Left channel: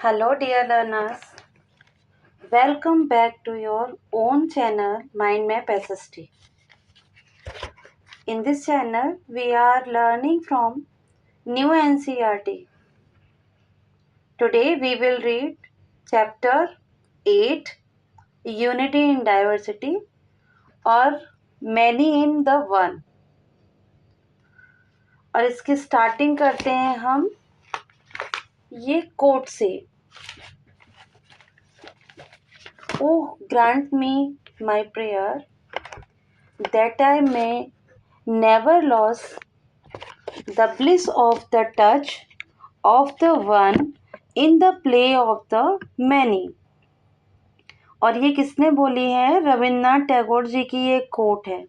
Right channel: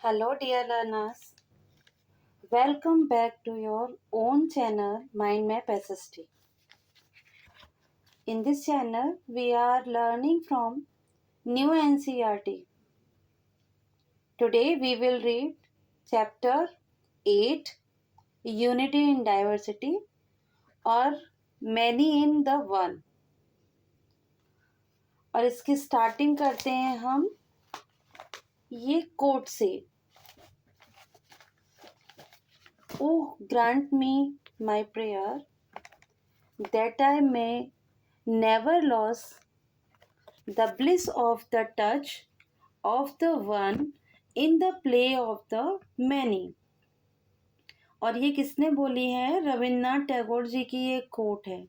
Hello, dear learners. Welcome back to your own channel, Mind Map SST. In this channel, we are learning from new NCERT. Today, we will read Chapter 8, Unity in Diversity, और Many in the One. और इसकी starting करते हैं हम ये coat से. Oh, grant me my prayer that I may never lose the bliss of the touch of the one in the play of the many. और ये किसने बोली है? रविन्द्रनाथ टैगोर जी की ये कोट है.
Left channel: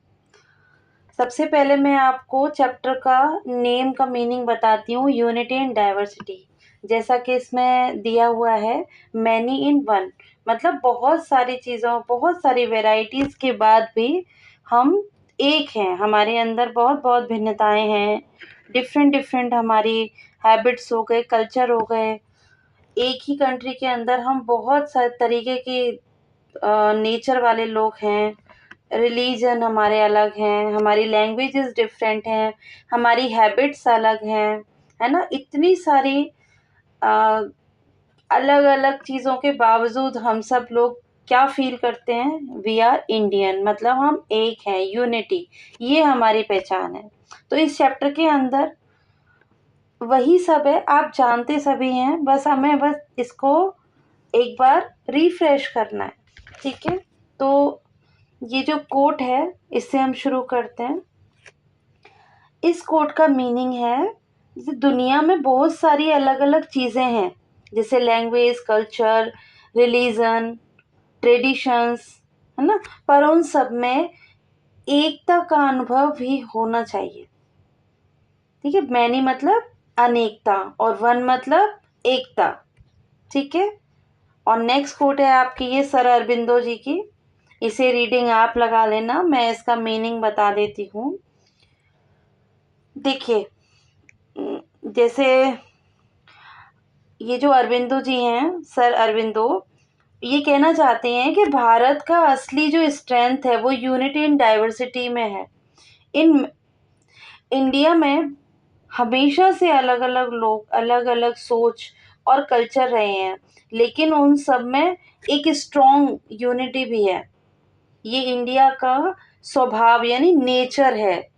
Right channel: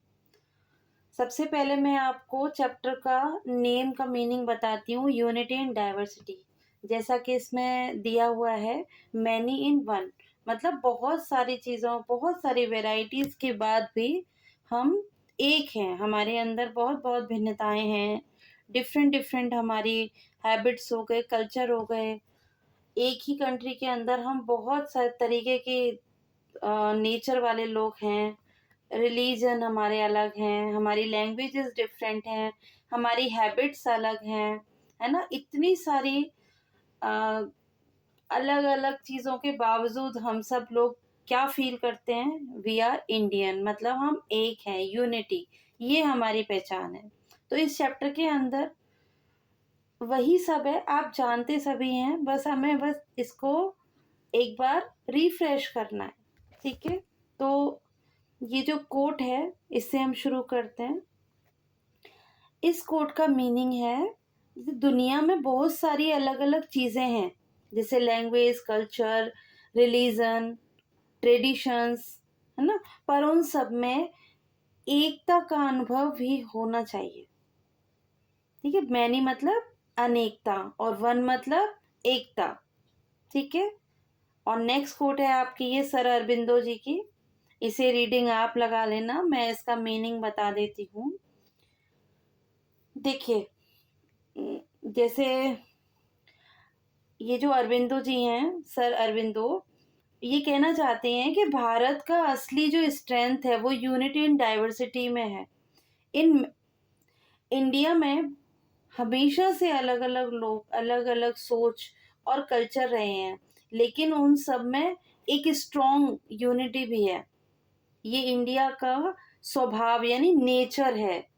सबसे पहले मैं आपको चैप्टर का नेम का मीनिंग बताती हूँ. यूनिटी एंड डाइवर्सिटी, जैसा कि इसमें दिया हुआ है मैनी इन वन, मतलब बहुत सारी चीज़ों, बहुत सारी वेराइटीज़ के बाद भी हम एक हैं. हमारे अंदर बहुत बहुत भिन्नताएं हैं. डिफरेंट हमारी हैबिट्स हो गए, कल्चर हो गए. एक ही कंट्री के अंदर हम बहुत सारे तरीके की नेचर वाले लोग हैं. रिलीजन हमारे अलग हैं, हमारी लैंग्वेजेस डिफरेंट हैं, हमारी हैबिट्स अलग हैं, है ना. इतनी सारी अलग अलग चीज़ों के बावजूद हम सब लोग क्या फील करते हैं? वी आर इंडियन, मतलब हम एक हैं. यूनिटी, ये हमारी पहचान है. तो इस चैप्टर के अंदर वही सब है, आप जानते सभी हैं, बस हमें इसको एक बार रिफ्रेश करना है. ठीक है, तो ये जो कोट है इससे हम शुरू करते हैं. इस कोट का मीनिंग है, जैसे दुनिया में बहुत सारी अलग अलग चीज़ें हैं, जैसे लैंग्वेज, कल्चर, रिलीजन, ट्रेडिशंस, है ना, पर उन सब में एकता का अनुभव भी होना चाहिए. ठीक है, मैनी मतलब अनेकता और वन मतलब एकता. ठीक है, और नेक्स्ट कोट है आपकी ये सर अरबिंदो जी की. इसे रीडिंग आप लगा लेना, मैं इसका मीनिंग बता देती हूँ. देखिए, जैसे ये जो अरबिंदो जी हैं, सर अरबिंदो, ये कहना चाहते हैं कि भारत का असली जो स्ट्रेंथ है वो यूनिटी इन डाइवर्सिटी में है. इन इंडिया में हमेशा से अलग अलग लोग, अलग अलग सोच और कल्चर रहे हैं, लेकिन उन सब में एक स्ट्रॉन्ग यूनिटी भी है. ये इंडिया का स्वभाव यानी नेचर है.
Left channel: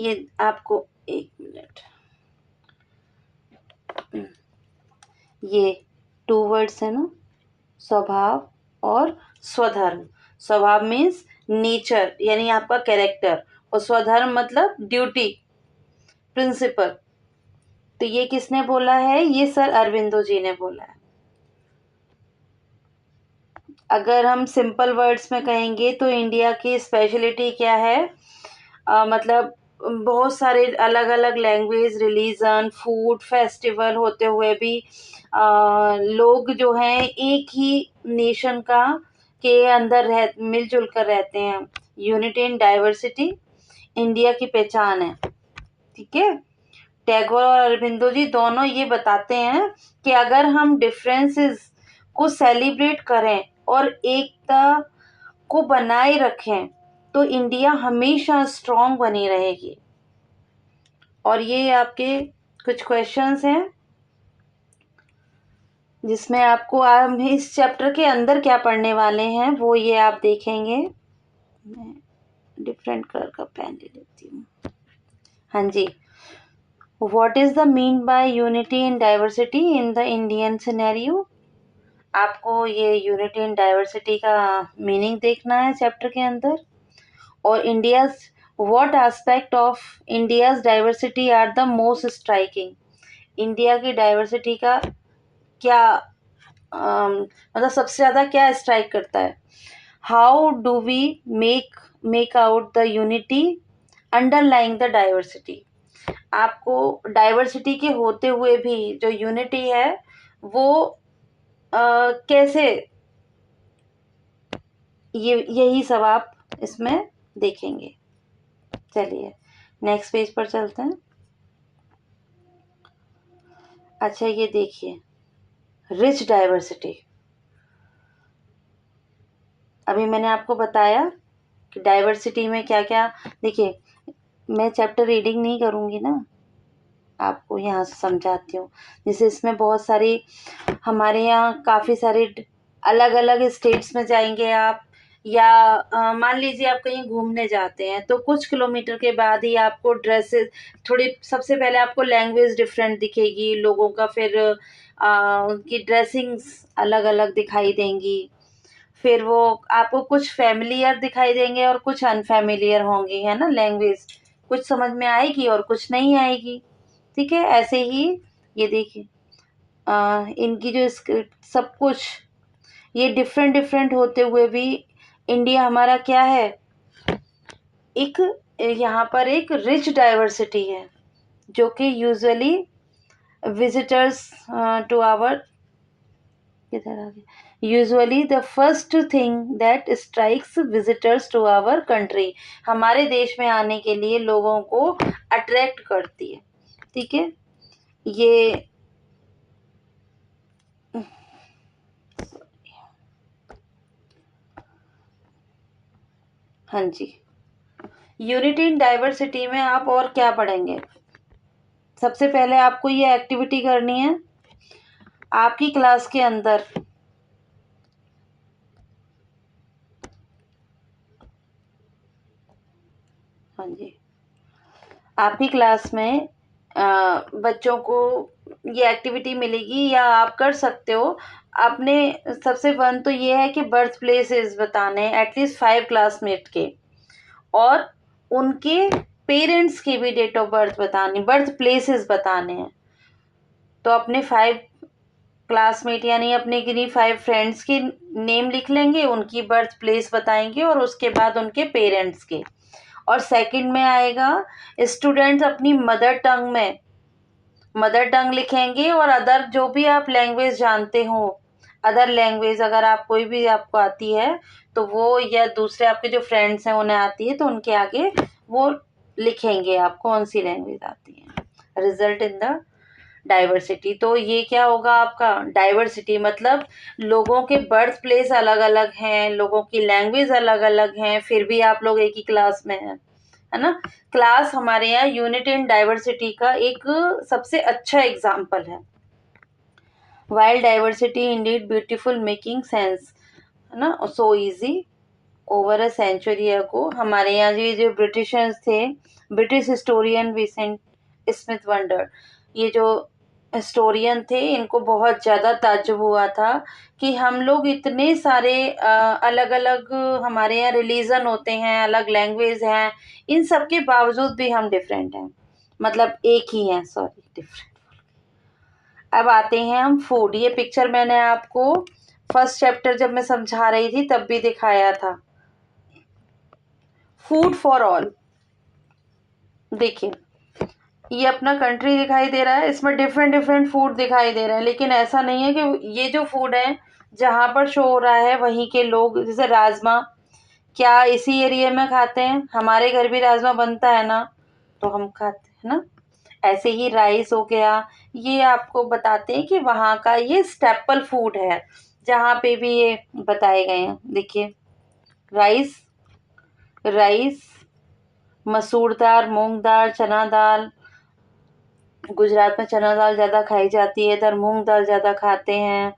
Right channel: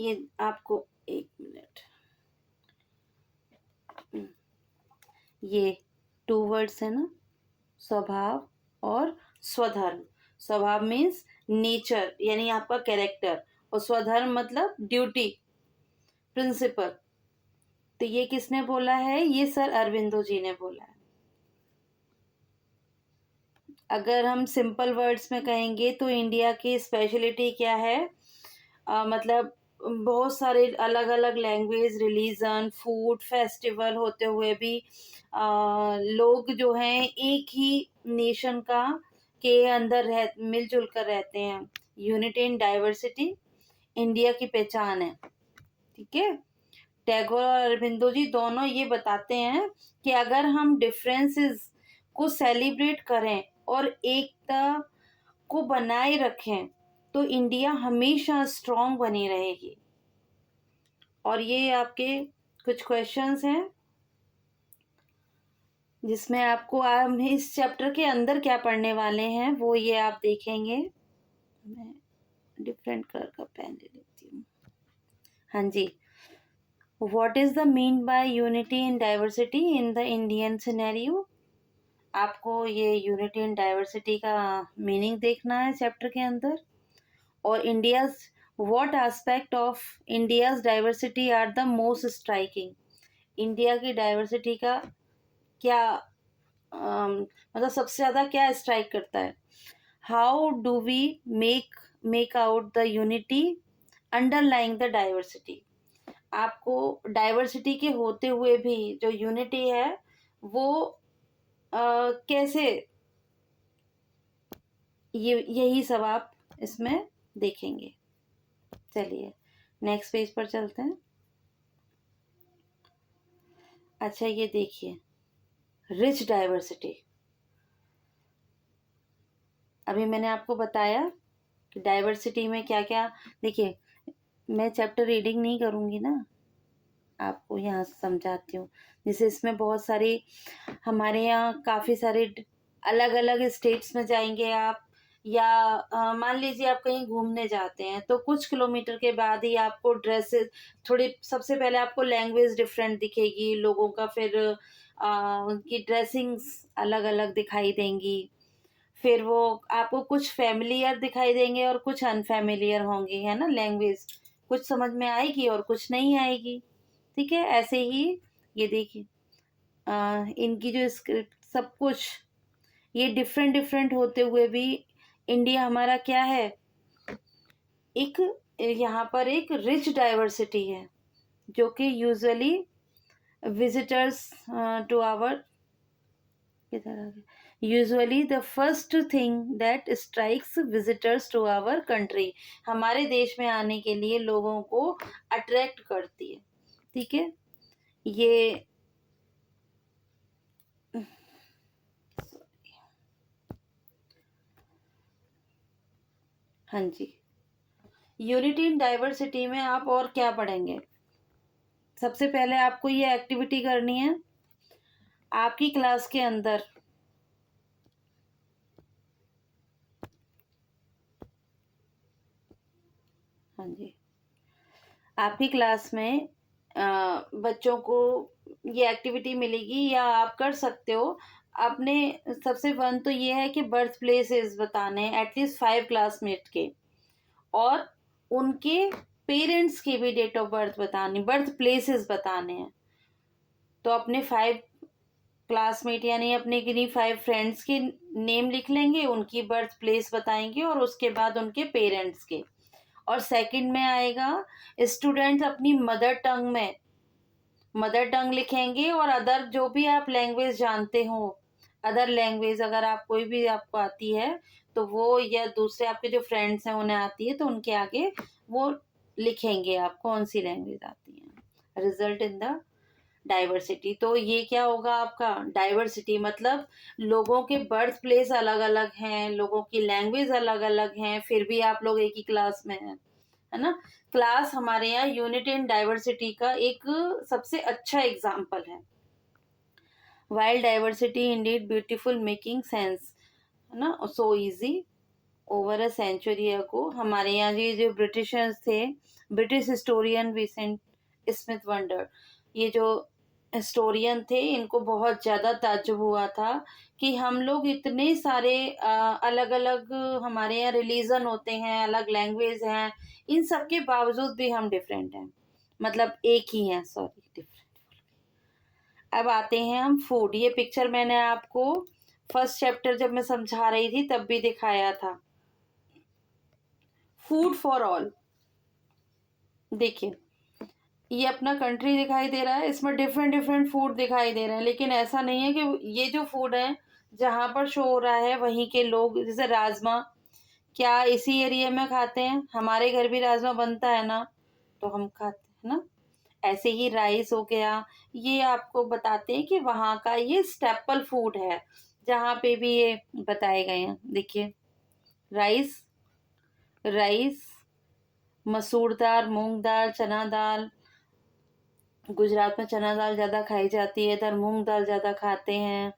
ये आपको एक मिनट, ये 2 वर्ड्स है ना, स्वभाव और स्वधर्म. स्वभाव मीन्स नेचर यानी आपका कैरेक्टर, और स्वधर्म मतलब ड्यूटी, प्रिंसिपल. तो ये किसने बोला है? ये सर अरबिंदो जी ने बोला है. अगर हम सिंपल वर्ड्स में कहेंगे तो इंडिया की स्पेशलिटी क्या है? मतलब बहुत सारे अलग अलग लैंग्वेज, रिलीजन, फूड, फेस्टिवल होते हुए भी लोग जो हैं एक ही नेशन का के अंदर मिलजुल कर रहते हैं. यूनिटी इन डाइवर्सिटी इंडिया की पहचान है. ठीक है, टैगोर और अरबिंदो जी दोनों ये बताते हैं कि अगर हम डिफरेंसेस को सेलिब्रेट करें और एकता को बनाए रखें तो इंडिया हमेशा स्ट्रांग बनी रहेगी. और ये आपके कुछ क्वेश्चंस हैं जिसमें आपको हम इस चैप्टर के अंदर क्या पढ़ने वाले हैं वो ये आप देखेंगे. मैं डिफरेंट कलर का पेन ले लेती हूँ. हाँ जी, what is the mean by unity in diversity in the Indian scenario. आपको ये यूनिटी इन डाइवर्सिटी का मीनिंग देखना है चैप्टर के अंदर. और India's, what aspect of India's diversity are the most striking. India की डाइवर्सिटी का क्या मतलब सबसे ज़्यादा क्या स्ट्राइक करता है. How do we make out the unity underlying the diversity. आपको डाइवर्सिटी के होते हुए भी जो यूनिटी है वो कैसे, यही सब आप इसमें देखेंगे. चलिए नेक्स्ट पेज पर चलते हैं. अच्छा, ये देखिए, रिच डाइवर्सिटी। अभी मैंने आपको बताया कि डाइवर्सिटी में क्या क्या, देखिए मैं चैप्टर रीडिंग नहीं करूँगी ना, आपको यहाँ से समझाती हूँ। जैसे इसमें बहुत सारी, हमारे यहाँ काफ़ी सारे अलग अलग स्टेट्स में जाएंगे आप, या मान लीजिए आप कहीं घूमने जाते हैं तो कुछ किलोमीटर के बाद ही आपको ड्रेसेस थोड़ी, सबसे पहले आपको लैंग्वेज डिफरेंट दिखेगी लोगों का, फिर उनकी ड्रेसिंग्स अलग अलग दिखाई देंगी, फिर वो आपको कुछ फैमिलियर दिखाई देंगे और कुछ अनफैमिलियर होंगी, है ना। लैंग्वेज कुछ समझ में आएगी और कुछ नहीं आएगी, ठीक है। ऐसे ही ये देखिए, इनकी जो स्क्रिप्ट सब कुछ ये डिफरेंट डिफरेंट होते हुए भी इंडिया हमारा क्या है, एक यहाँ पर एक रिच डाइवर्सिटी है, जो कि usually visitors to our, usually the first thing that strikes visitors to our country, हमारे देश में आने के लिए लोगों को अट्रैक्ट करती है, ठीक है। ये हाँ जी, यूनिटी इन डाइवर्सिटी में आप और क्या पढ़ेंगे। सबसे पहले आपको ये एक्टिविटी करनी है आपकी क्लास के अंदर। हाँ जी, आपकी क्लास में बच्चों को ये एक्टिविटी मिलेगी या आप कर सकते हो। आपने सबसे वन तो ये है कि बर्थ प्लेसेस बताने हैं एटलीस्ट 5 क्लासमेट के, और उनके पेरेंट्स की भी डेट ऑफ बर्थ बतानी, बर्थ प्लेसेस बताने हैं। तो अपने 5 क्लासमेट यानी अपने किन्हीं 5 फ्रेंड्स के नेम लिख लेंगे, उनकी बर्थ प्लेस बताएंगे और उसके बाद उनके पेरेंट्स के। और सेकंड में आएगा स्टूडेंट्स अपनी मदर टंग लिखेंगे, और अदर जो भी आप लैंग्वेज जानते हो, अदर लैंग्वेज अगर आप कोई भी आपको आती है तो वो, या दूसरे आपके जो फ्रेंड्स हैं उन्हें आती है तो उनके आगे वो लिखेंगे आप कौन सी लैंग्वेज आती है। रिजल्ट इन द डाइवर्सिटी, तो ये क्या होगा आपका, डाइवर्सिटी मतलब लोगों के बर्थ प्लेस अलग अलग हैं, लोगों की लैंग्वेज अलग अलग हैं, फिर भी आप लोग एक ही क्लास में हैं, है ना। क्लास हमारे यहाँ यूनिटी इन डाइवर्सिटी का एक सबसे अच्छा एग्जाम्पल है। Wild diversity indeed beautiful making sense, है ना, so easy over a century ago. हमारे यहाँ जो ब्रिटिशर्स थे, British historian Vincent Smith wonder, ये जो हिस्टोरियन थे, इनको बहुत ज़्यादा ताज्जुब हुआ था कि हम लोग इतने सारे अलग अलग, हमारे यहाँ रिलीजन होते हैं, अलग लैंग्वेज हैं, इन सब के बावजूद भी हम डिफरेंट हैं, मतलब एक ही हैं, सॉरी डिफरेंट। अब आते हैं हम फूड। ये पिक्चर मैंने आपको फर्स्ट चैप्टर जब मैं समझा रही थी तब भी दिखाया था। फूड फॉर ऑल, देखिए ये अपना कंट्री दिखाई दे रहा है, इसमें डिफरेंट डिफरेंट फूड दिखाई दे रहे हैं, लेकिन ऐसा नहीं है कि ये जो फूड है जहाँ पर शो हो रहा है वहीं के लोग, जैसे राजमा, क्या इसी एरिया में खाते हैं, हमारे घर भी राजमा बनता है ना, तो हम खाते हैं ना। ऐसे ही राइस हो गया, ये आपको बताते हैं कि वहाँ का ये स्टेपल फूड है, जहाँ पे भी ये बताए गए हैं। देखिए राइस, राइस, मसूर दाल, मूंग दाल, चना दाल, गुजरात में चना दाल ज़्यादा खाई जाती है, इधर मूंग दाल ज़्यादा खाते हैं।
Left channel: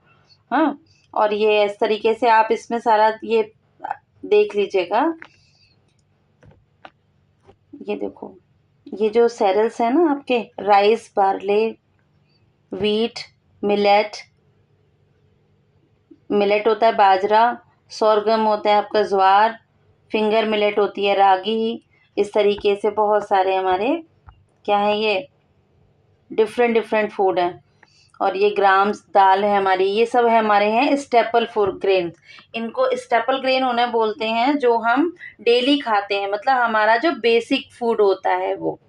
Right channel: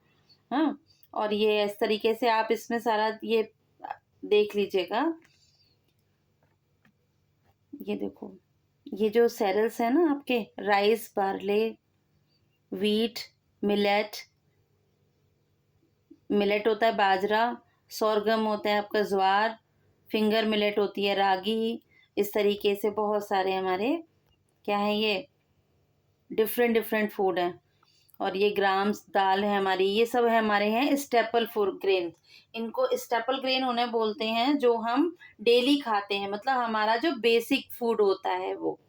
हाँ, और ये इस तरीके से आप इसमें सारा ये देख लीजिएगा। ये देखो, ये जो सेरेल्स है ना आपके, rice, barley, wheat, millet, millet होता है बाजरा, सोरगम होता है आपका ज्वार, फिंगर मिलेट होती है रागी। इस तरीके से बहुत सारे हमारे क्या है, ये डिफरेंट डिफरेंट फूड हैं। और ये ग्राम्स दाल है हमारी, ये सब है हमारे हैं स्टेपल फूड ग्रेन। इनको स्टेपल ग्रेन उन्हें बोलते हैं जो हम डेली खाते हैं, मतलब हमारा जो बेसिक फूड होता है वो,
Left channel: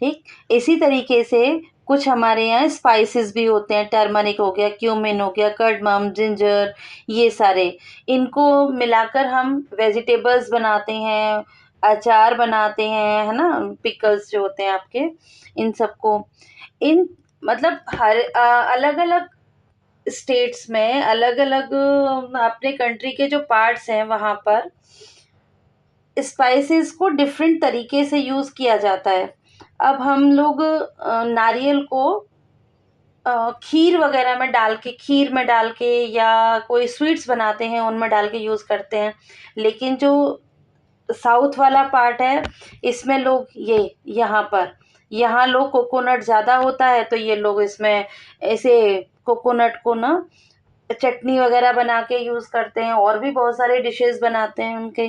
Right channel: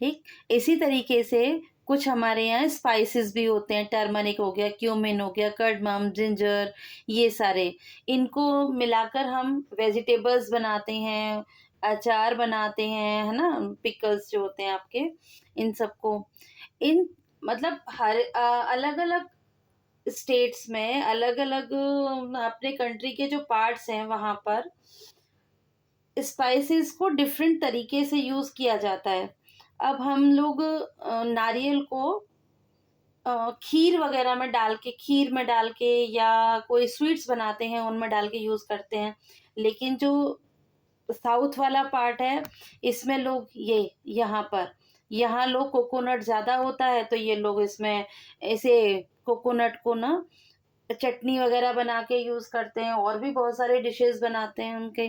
ठीक। इसी तरीके से कुछ हमारे यहाँ स्पाइसेस भी होते हैं, टर्मरिक हो गया, क्यूमिन हो गया, कर्डमम, जिंजर, ये सारे, इनको मिलाकर हम वेजिटेबल्स बनाते हैं, अचार बनाते हैं, है ना, पिकल्स जो होते हैं आपके, इन सबको, इन मतलब हर अलग अलग स्टेट्स में, अलग अलग अपने कंट्री के जो पार्ट्स हैं वहाँ पर स्पाइसेस को डिफरेंट तरीके से यूज़ किया जाता है। अब हम लोग नारियल को खीर वगैरह में डाल के, खीर में डाल के, या कोई स्वीट्स बनाते हैं उनमें डाल के यूज़ करते हैं। लेकिन जो साउथ वाला पार्ट है, इसमें लोग यहाँ लोग कोकोनट ज़्यादा होता है, तो ये लोग इसमें ऐसे कोकोनट को ना चटनी वगैरह बना के यूज़ करते हैं, और भी बहुत सारे डिशेस बनाते हैं उनके।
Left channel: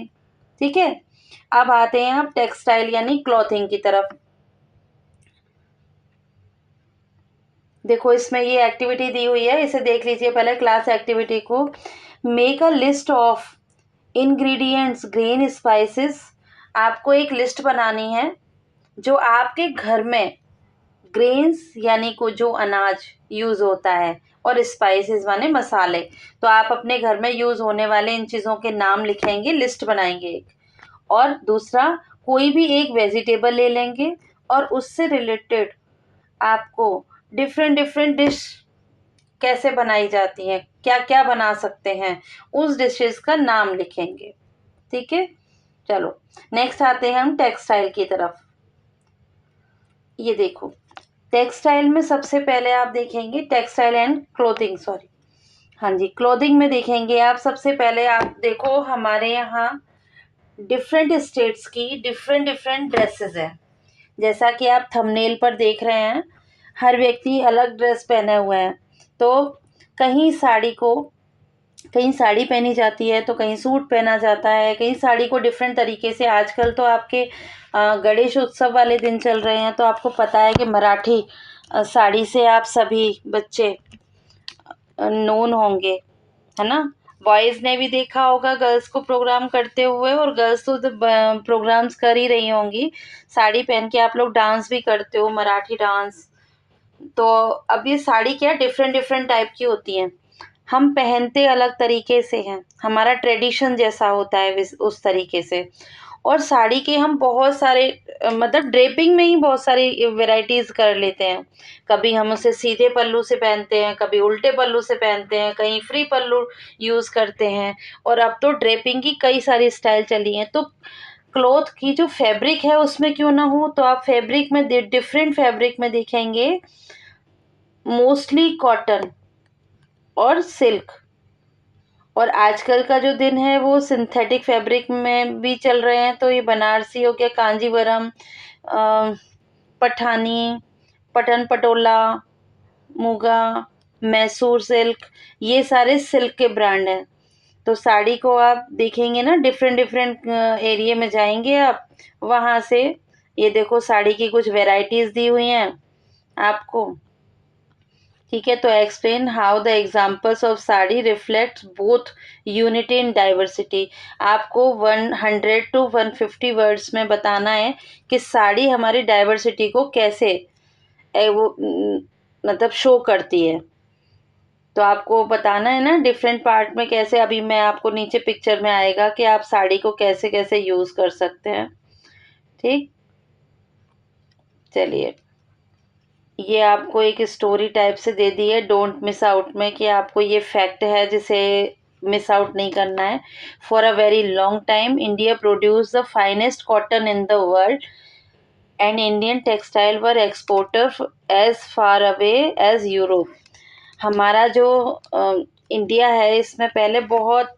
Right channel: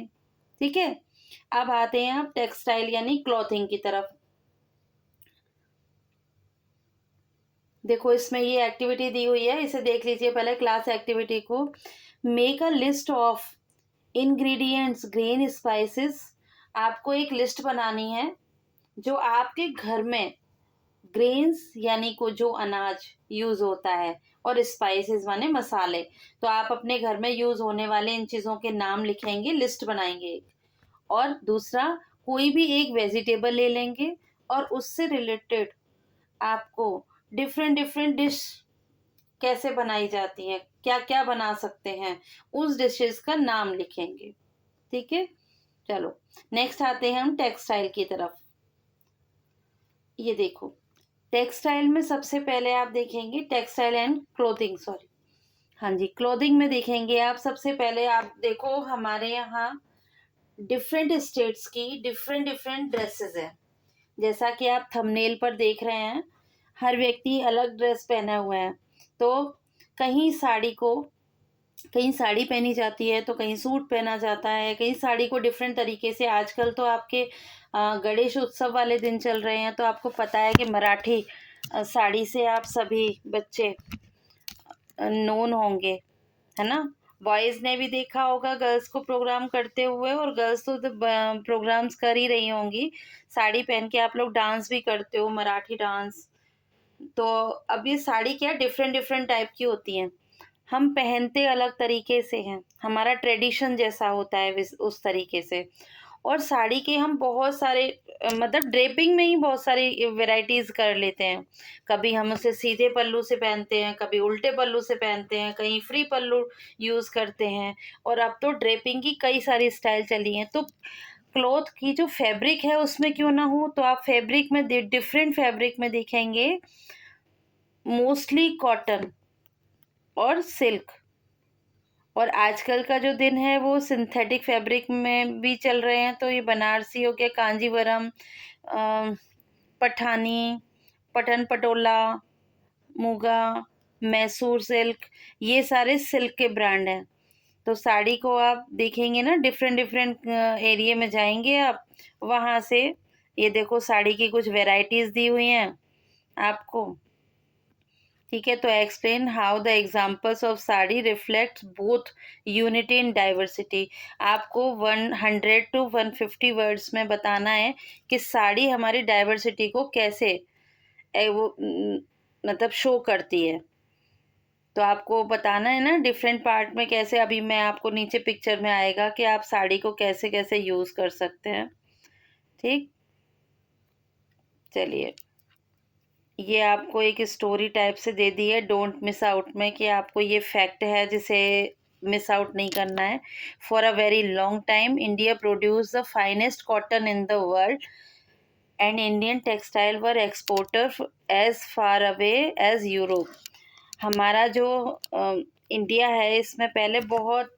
ठीक है, अब आते हैं हम टेक्सटाइल यानी क्लॉथिंग की तरफ। देखो इसमें ये एक्टिविटी दी हुई है, इसे देख लीजिए पहले क्लास एक्टिविटी को। Make a list of ingredients grain spices. आपको एक लिस्ट बनानी है जो आपके घर में ग्रेन्स यानी को जो अनाज यूज़ होता है, और स्पाइसेस माने मसाले। तो आप अपने घर में यूज़ होने वाले इन चीज़ों के नाम लिखेंगे, लिस्ट बनाएंगे एक। और दूसरा, कोई भी एक वेजिटेबल ले लेंगे और उससे रिलेटेड आपको डिफरेंट डिफरेंट डिश कैसे बनाई जाती हैं, क्या क्या बना सकते हैं, उस डिशेस का नाम लिखेंगे। ठीक है, चलो नेक्स्ट आते हैं हम टेक्सटाइल की तरफ। ये देखो, टेक्सटाइल में सबसे पहले आप देखेंगे टेक्सटाइल एंड क्लोथिंग, सॉरी, हाँ जी, क्लोथिंग में देखेंगे आप सबसे पहले। आप देखो हमारे यहाँ डिफरेंट स्टेट्स की डिफरेंट डिफरेंट ड्रेसेस हैं। जैसा कि आप थंबनेल पर देख रहे हैं, हर व्यक्ति अलग ड्रेस पहने हुए हैं। तो कहीं साड़ी को कहीं साड़ी पहनी जाती है, तो कहीं सूट पहना जाता है, कहीं साड़ी को डिफरेंट तरीके से। आजकल तो आपके गणेश उत्सव वाले दिन चल रहे हैं, तो आपको पता है कि मराठी साड़ी से आप सभी बच्चे नोन होंगे, है ना। बॉयज़ ने भी देखा होगा गर्ल्स को प्रोग्राम करते हुए, और गर्ल्स तो प्रोग्राम्स कर ही रही होंगी। साड़ी पहन के आप लोग डांस भी करते हो, मराठी डांस। तो अब ये साड़ी क्या डिफरेंट डिफरेंट टाइप की होती हैं, हम पहनते अलग तरीके से हैं, हमारा ट्रेडिशन जैसा होता है उस तरीके से। और साड़ी के हम बहुत सारे मतलब ड्रेपिंग में ही बहुत सारी वेराइटीज़ कर लेते हैं। कभी हम उसे सीधे पल्लू से पहनते हैं, कभी उल्टे पल्लू से पहनते हैं, कहीं फ्री पल्लू यूज़ करते हैं। और अब तो ड्रेपिंग की कई सारी स्टाइल चली हैं। तो क्लॉथ की जो फैब्रिक है उसमें क्यों ना हो, तो आप फैब्रिक में डिफरेंट फैब्रिक में देखेंगे, मोस्टली कॉटन और सिल्क। और आजकल का जो दिन है वो सिंथेटिक फैब्रिक में भी चल रहे हैं। तो ये बनारसी हो गया, कांजीवरम, पठानी, पटन पटोला, मुगा, मैसूर सिल्क, ये सारे सिल्क के ब्रांड हैं। तो साड़ी को आप देखेंगे ना, डिफरेंट डिफरेंट एरिया में जाएंगे आप, वहाँ से ये देखो साड़ी की कुछ वैरायटीज़ दी हुई हैं आपको। ठीक है, तो explain how the examples of sari reflect both unity in diversity. आपको 100 to 150 वर्ड्स में बताना है कि साड़ी हमारी डाइवर्सिटी को कैसे मतलब शो करती है। तो आपको बताना है ना डिफरेंट पार्ट में कैसे। अभी मैं आपको नीचे पिक्चर में आएगा कि आप साड़ी को कैसे कैसे यूज़ कर सकते हैं। ठीक, चलिए, ये आपको एक स्टोरी टाइप से दे दी है डोंट मिस आउट में, कि आपको ये फैक्ट है जिसे मिस आउट नहीं करना है। For a very long time India produce the finest cotton in the world and Indian textile were exporter as far away as Europe. हमारा जो इंडिया है, इसमें पहले बहुत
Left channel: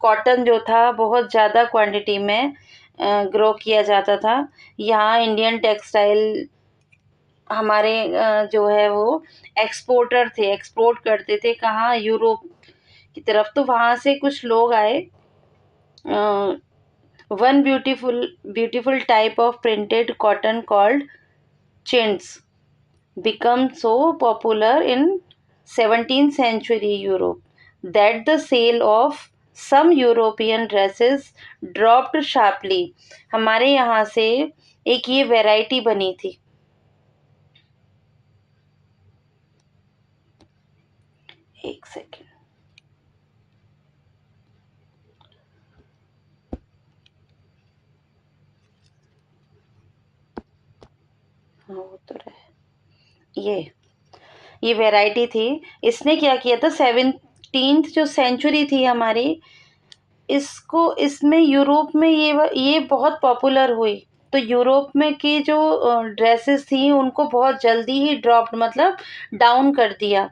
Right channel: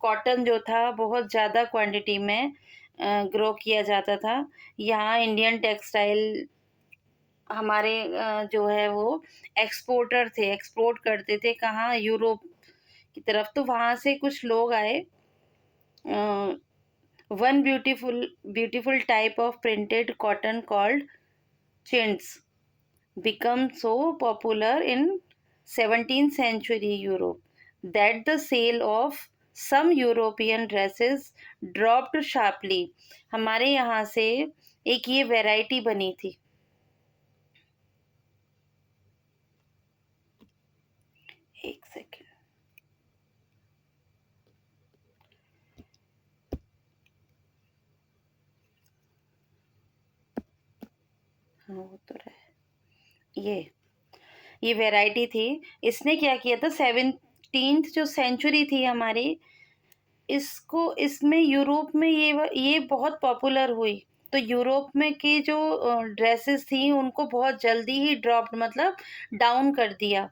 कॉटन जो था बहुत ज़्यादा क्वांटिटी में ग्रो किया जाता था। यहाँ इंडियन टेक्सटाइल हमारे जो है वो एक्सपोर्टर थे, एक्सपोर्ट करते थे कहाँ, यूरोप की तरफ। तो वहाँ से कुछ लोग आए। One beautiful type of printed cotton called chintz become so popular in 17th century Europe that the sale of some European dresses dropped sharply। हमारे यहाँ से एक ये वैरायटी बनी थी। एक सेकेंड, हाँ वो तो रहे। ये वैरायटी थी। इसने क्या किया था, 17th जो सेंचुरी थी हमारी, इसमें यूरोप में ये बहुत पॉपुलर हुई। तो यूरोप में की जो ड्रेसेस थी उनको बहुत जल्दी ही ड्रॉप्ड, मतलब डाउन कर दिया।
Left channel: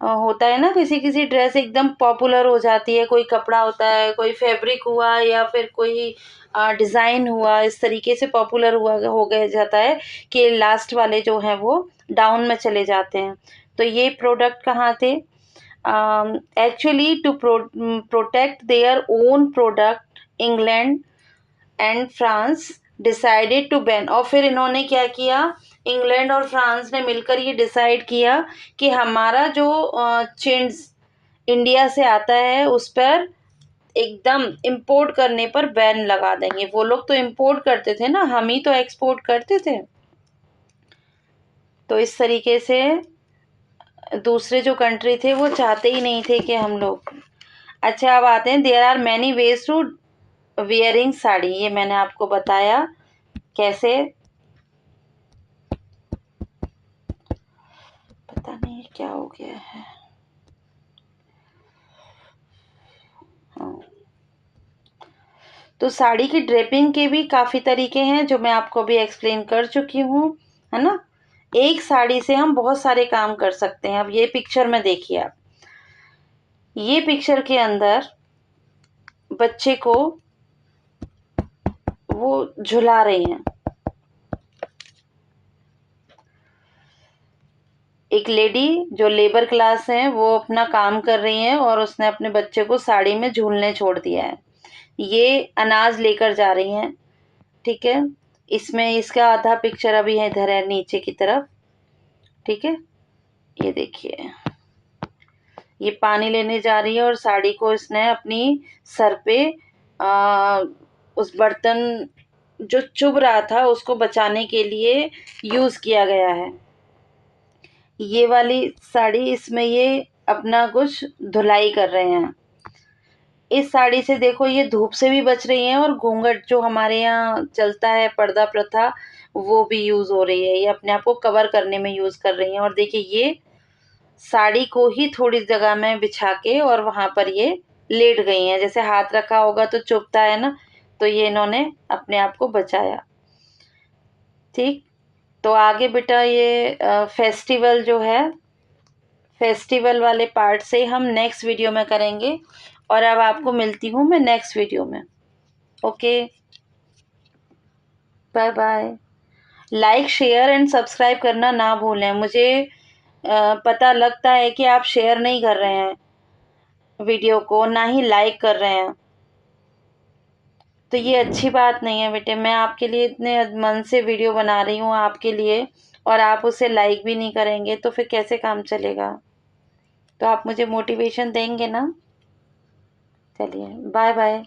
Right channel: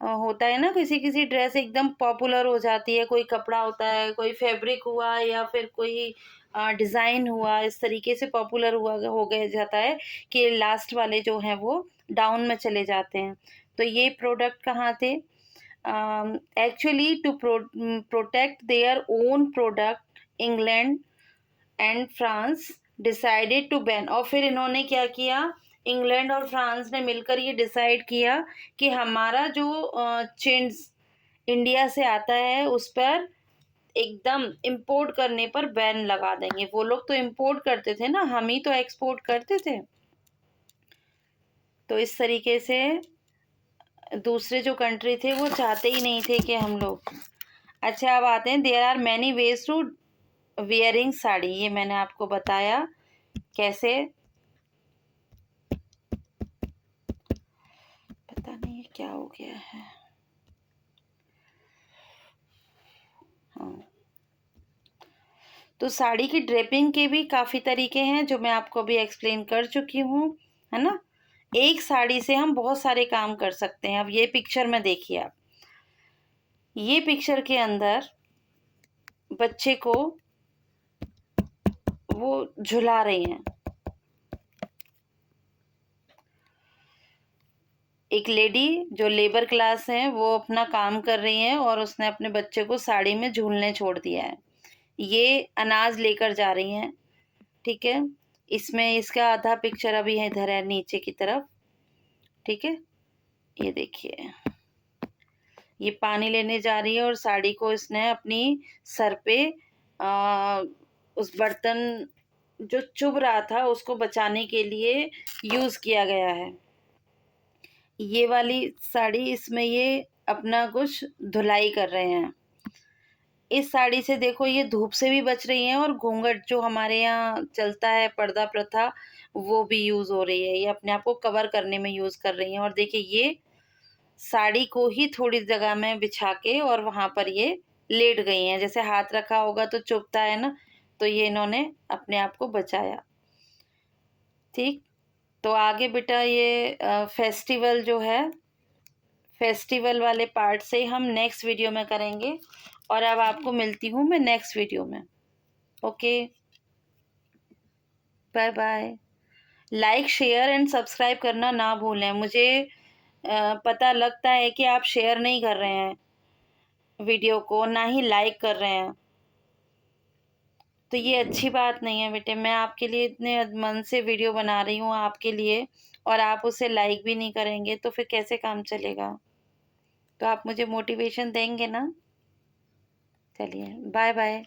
होता है ना, किसी किसी ड्रेस एकदम पॉपुलर हो जाती है, कोई कपड़ा होता है, कोई फैब्रिक हुआ या फिर कोई डिज़ाइन हुआ, इस तरीके से पॉपुलर हुआ हो गया जाता है कि लास्ट वाले जो हैं वो डाउन में चले जाते हैं। तो ये प्रोडक्ट कहाँ थे? Actually, to protect their own product, England and France decided to ban. और फिर इन्होंने क्या किया, इंग्लैंड और फ्रांस ने मिलकर ये डिसाइड किया कि हमारा जो चेन्स इंडिया से आता है उस पर एकदम इंपोर्ट करने पर बैन लगा देंगे। वो लोग तो इंपोर्ट करते थे ना, हम ही तो एक्सपोर्ट करते थे। तो इस तरीके से दूसरे जो कंट्री थे वो चाहते ही नहीं थे कि हम लोग। अच्छा, अब आते हैं, there are many ways to wearing sari. ये मैंने आपको बताया कैसे, पता नहीं क्या हो गया है। हाँ, तो साड़ी की ड्रेपिंग के भी काफ़ी तरीके हैं जो मैं आपको भी एक्सप्लेन कर चुकी हूँ, है ना। एक साड़ी से हम बहुत सारे काम कर सकते हैं। अब ये पिक्चर में देखिए आप, ये पिक्चर के अंदर बच्चे को वो झुला रही हैं। एक लेडी जो लेबर क्लास है वो अपना काम कर रही है और उसने अपने बच्चे को साड़ी में झूलने छोड़ दिया है। ये अनाज लेकर जा रही हैं, ठीक है। इसमें इसका आधा पिक्चर अभी है, इधर है नीचे की तरफ, ठीक है। ये देखिए, ये पानी लेने जा रही है और साड़ी को इसने अपनी सर पे आ, उस बर्तन जो चुभ रहा था उसको बचाने के लिए यूज़ किया गया है। ये वाली साड़ी, इसमें ये अपना कुछ धुलाई कर रहे हैं। इस साड़ी से देखो ये धूप से भी बच रही हैं और घूंघट जो हमारे यहाँ चलता है, पर्दा प्रथा, वो भी यूज़ हो रही है। ये अपने आप को कवर करने में यूज़ कर रही हैं। और देखिए, ये साड़ी को ही थोड़ी जगह में बिछा के और वहाँ पर ये लेट गई हैं। जैसे हाथ रखा होगा तो चुभता है ना, तो ये इन्होंने अपने आप को बचाया। ठीक, तो आगे बेटा ये फेस्टिवल जो है, फेस्टिवल वाले पार्ट से हम नेक्स्ट वीडियो में करेंगे। और अब आपको मिलती हूँ मैं नेक्स्ट वीडियो में। Okay, bye bye. Like, share and subscribe करना ना भूलें। मुझे पता लगता है कि आप शेयर नहीं कर रहे हैं वीडियो को, ना ही लाइक कर रहे हैं। तो ये अच्छी बात नहीं है बेटे। मैं आपके लिए इतने मन से वीडियो बना रही हूँ आपके लिए, और आप उसे लाइक भी नहीं करेंगे तो फिर कैसे काम चलेगा। तो आप मुझे मोटिवेशन देंगे ना। चलिए, बाय बाय।